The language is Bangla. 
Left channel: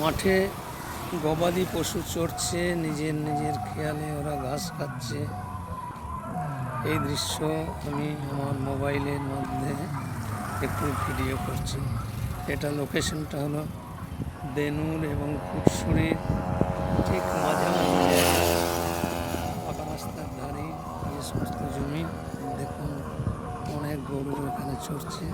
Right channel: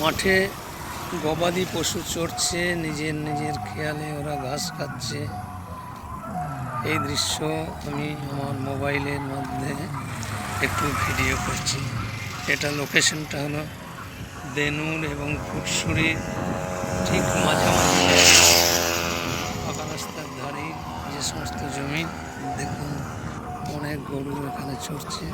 মাঠে গবাদি পশু চড়ছে, নিজের নিজের খেয়ালে ওরা ঘাস খাচ্ছে। এই দৃশ্য আমি আমার মোবাইলের মধ্যে একটু ভিডিও করছি। এটা লোকেশনটা হলো দেনুর এবং ফুটসুরির ঠিক মাঝামাঝি পাকা রাস্তার ধারে যে সমস্ত জমি, দেখুন অনেক গরু এখানে চড়ছে।